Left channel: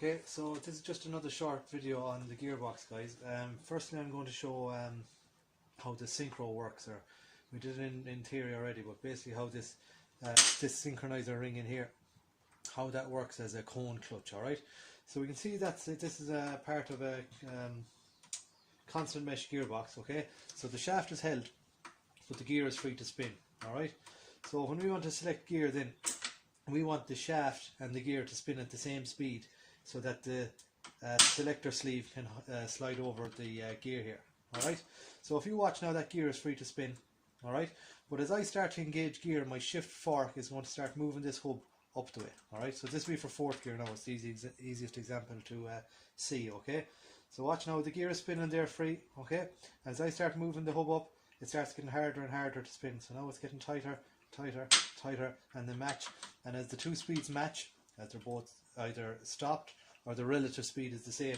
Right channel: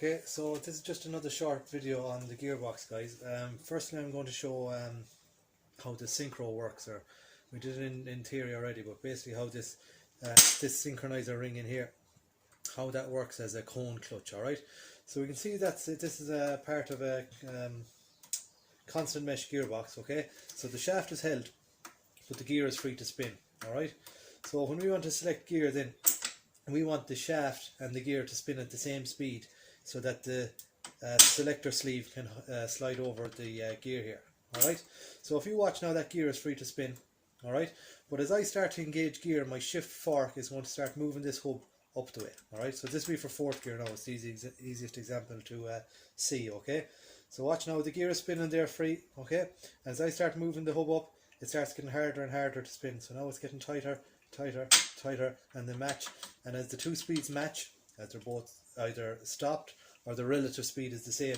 Okay, so this is just another short video on the gearbox, guys. Firstly, I'm going to show how the synchro works, or we did it in theory already, but basically how this this synchronizer ring in here, how that works as a cone clutch. All right, so we can see that this is a part of a constant mesh gearbox. Okay, so the shaft is held, but the gear is free to spin. All right, so when we want to select gear, then we want the shaft and the gear to spin at the same speed, so that the selector sleeve can slide over the gear here. Alright, so if you watch now, that gear is free to spin. Alright, but as I start to engage gear, my shift fork is going to start moving this hub up the way. Alright, so this will be for fourth gear now. It's the easiest example to see. Okay, so watch now, the gear is spinning there free. Okay, as I start moving the hub up, it starts getting harder and harder to spin. So now it's getting tighter, tighter, and they match. And as the two speeds match, as they're both either stopped or the relative speed is the same,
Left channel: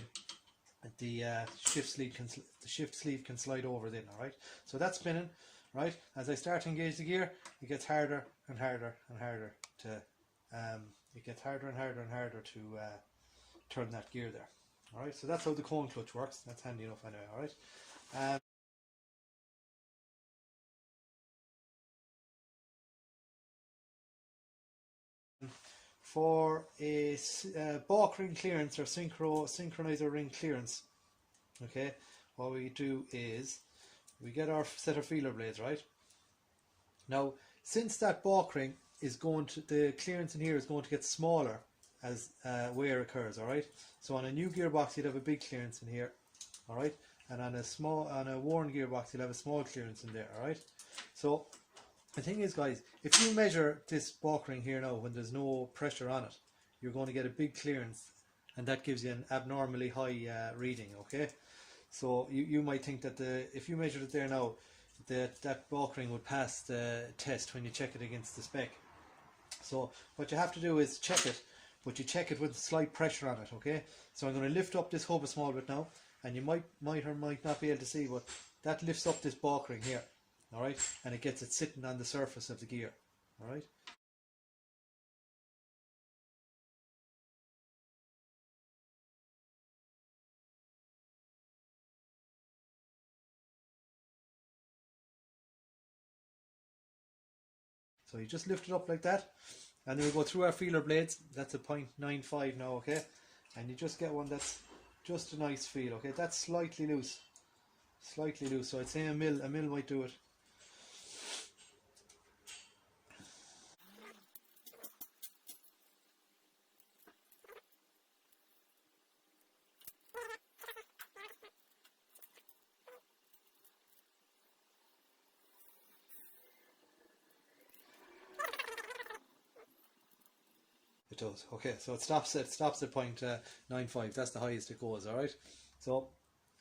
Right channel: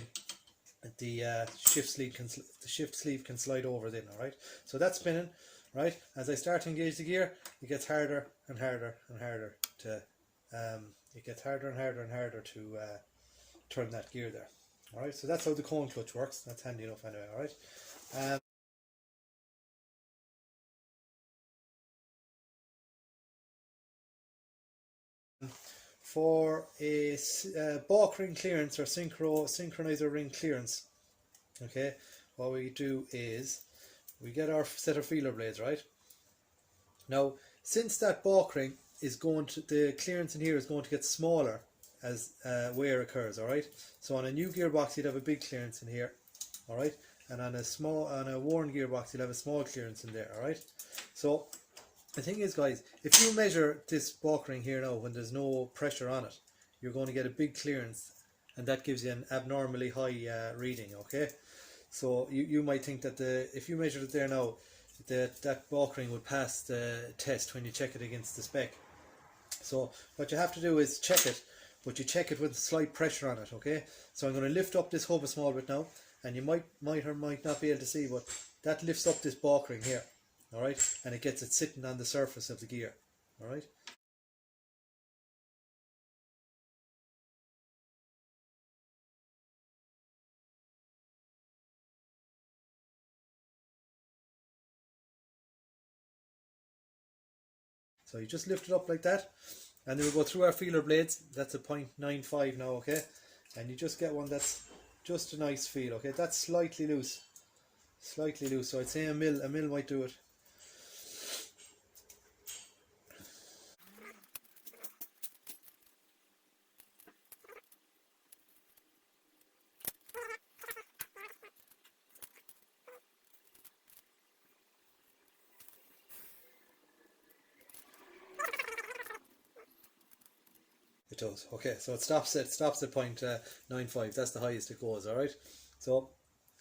the shift sleeve can slide over then. All right, so that's spinning. Right, as I start to engage the gear, it gets harder and harder and harder to turn that gear there. All right, so that's how the cone clutch works. That's handy enough anyway. All right. For a Baulk ring clearance or synchronizer ring clearance, okay, what we do is we get our set of feeler blades, right? Now, since that Baulk ring is going to, the clearance in here is going to get smaller as wear occurs, all right? So on a new gearbox, you'd have a big clearance in here, all right? And on a worn gearbox, you'll have a small clearance in there, all right? So the thing is, guys, if you measure this Baulk ring here now when there's no pressure on it, you're going to get a big clearance, and that gives you an abnormally high reading. Okay, so you might think that if you measured it there now, that Baulk ring would pass the test when you check it against the spec. So what you have to do is check it, but you check it with slight pressure on it. Okay, so I'm going to lift up this hub a small bit now, and you might or might not be able to see, but that lifts up this Baulk ring here. Alright, and it gets it sitting on the surface of the gear. Alright. So you just lift it up like that, and then we go through our feeler blades. That's a 0.95 now, okay? And you just get one that's just a nice feel, okay? That's slightly loose. Slightly loose. So I'd say a mil might do it. It does. Okay, so it stops at 0.95. That's the highest it goes, alright? So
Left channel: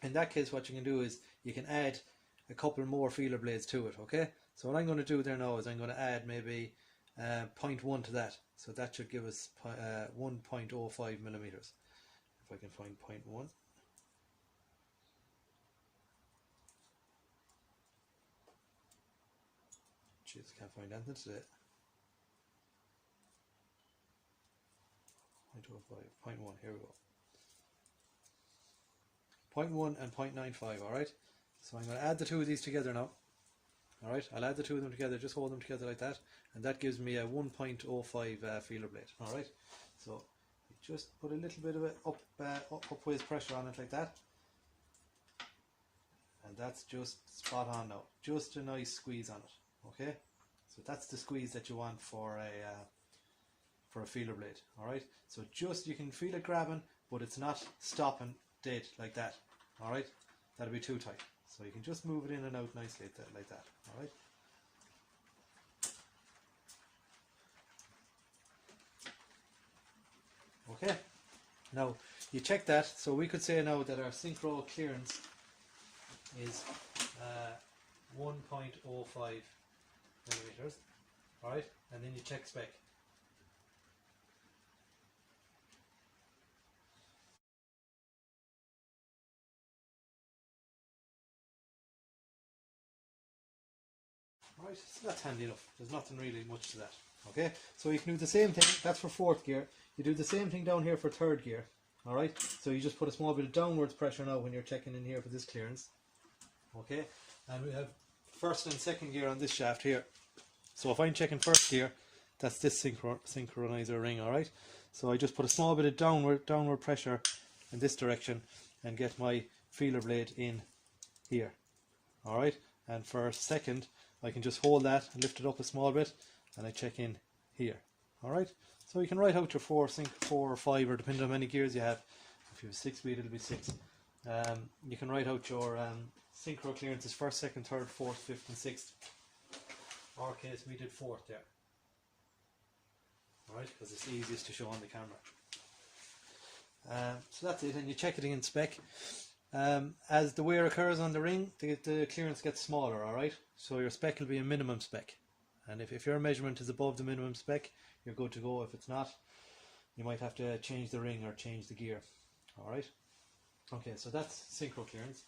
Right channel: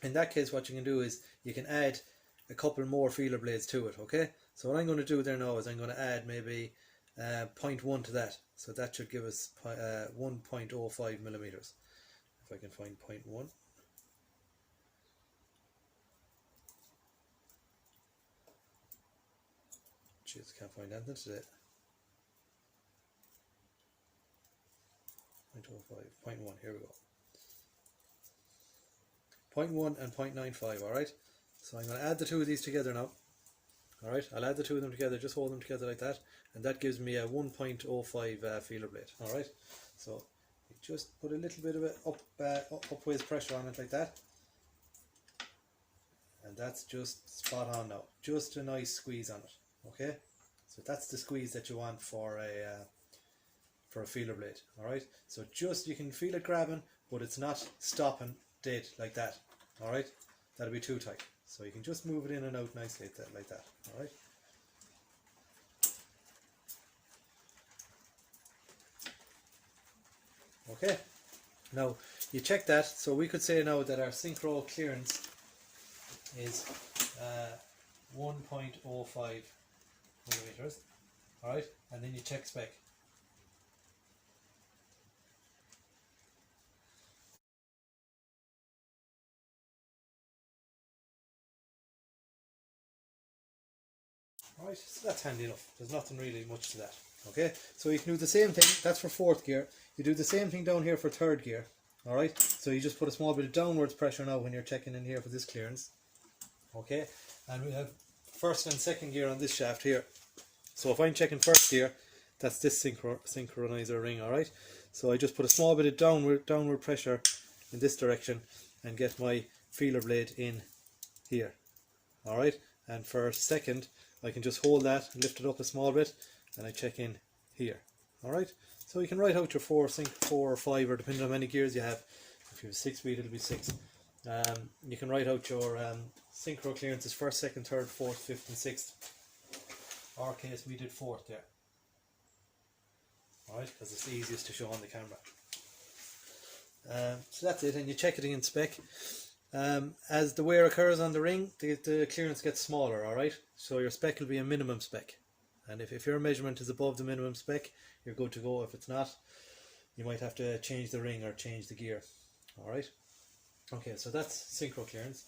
in that case, what you can do is you can add a couple more feeler blades to it, okay? So what I'm going to do there now is I'm going to add maybe 0.1 to that. So that should give us 1.05 millimeters. If I can find 0.1. Jeez, can't find anything today. 0.05, 0.1, here we go. 0.1 and 0.95, alright? So I'm going to add the two of these together now. Alright, I'll add the two of them together, just hold them together like that, and that gives me a 1.05 feeler blade. Alright, so you just put a little bit of it upwards pressure on it like that, and that's just spot on now. Just a nice squeeze on it, okay? So that's the squeeze that you want for a feeler blade. Alright, so just, you can feel it grabbing, but it's not stopping dead like that. Alright, that'll be too tight. So you can just move it in and out nicely like that. Alright. Okay, now you check that. So we could say now that our synchro clearance is 1.05 millimeters. Alright, and then you check spec. Right, so that's handy enough. There's nothing really much to that. Okay, so you can do the same thing. That's for fourth gear. You do the same thing down here for third gear. Alright, so you just put a small bit of downwards pressure now when you're checking in here for this clearance. Okay, and we have first and second gear on this shaft here. So if I'm checking first gear, that's this synchronizer ring, alright? So I just put a small bit of downward pressure in this direction and get my feeler blade in here. Alright, and for second I can just hold that and lift it up a small bit and I check in here. Alright, so you can write out your 4 or 5, or depending on how many gears you have. If you have 6 speed, it'll be 6. You can write out your synchro clearances: first, second, third, fourth, fifth and sixth. Our case, we did fourth there. Alright, because it's the easiest to show on the camera. So that's it, and you check it in spec. As the wear occurs on the ring, the clearance gets smaller, alright? So your spec will be a minimum spec. And if your measurement is above the minimum spec, you're good to go. If it's not, you might have to change the ring or change the gear. Alright? Okay, so that's synchro clearance.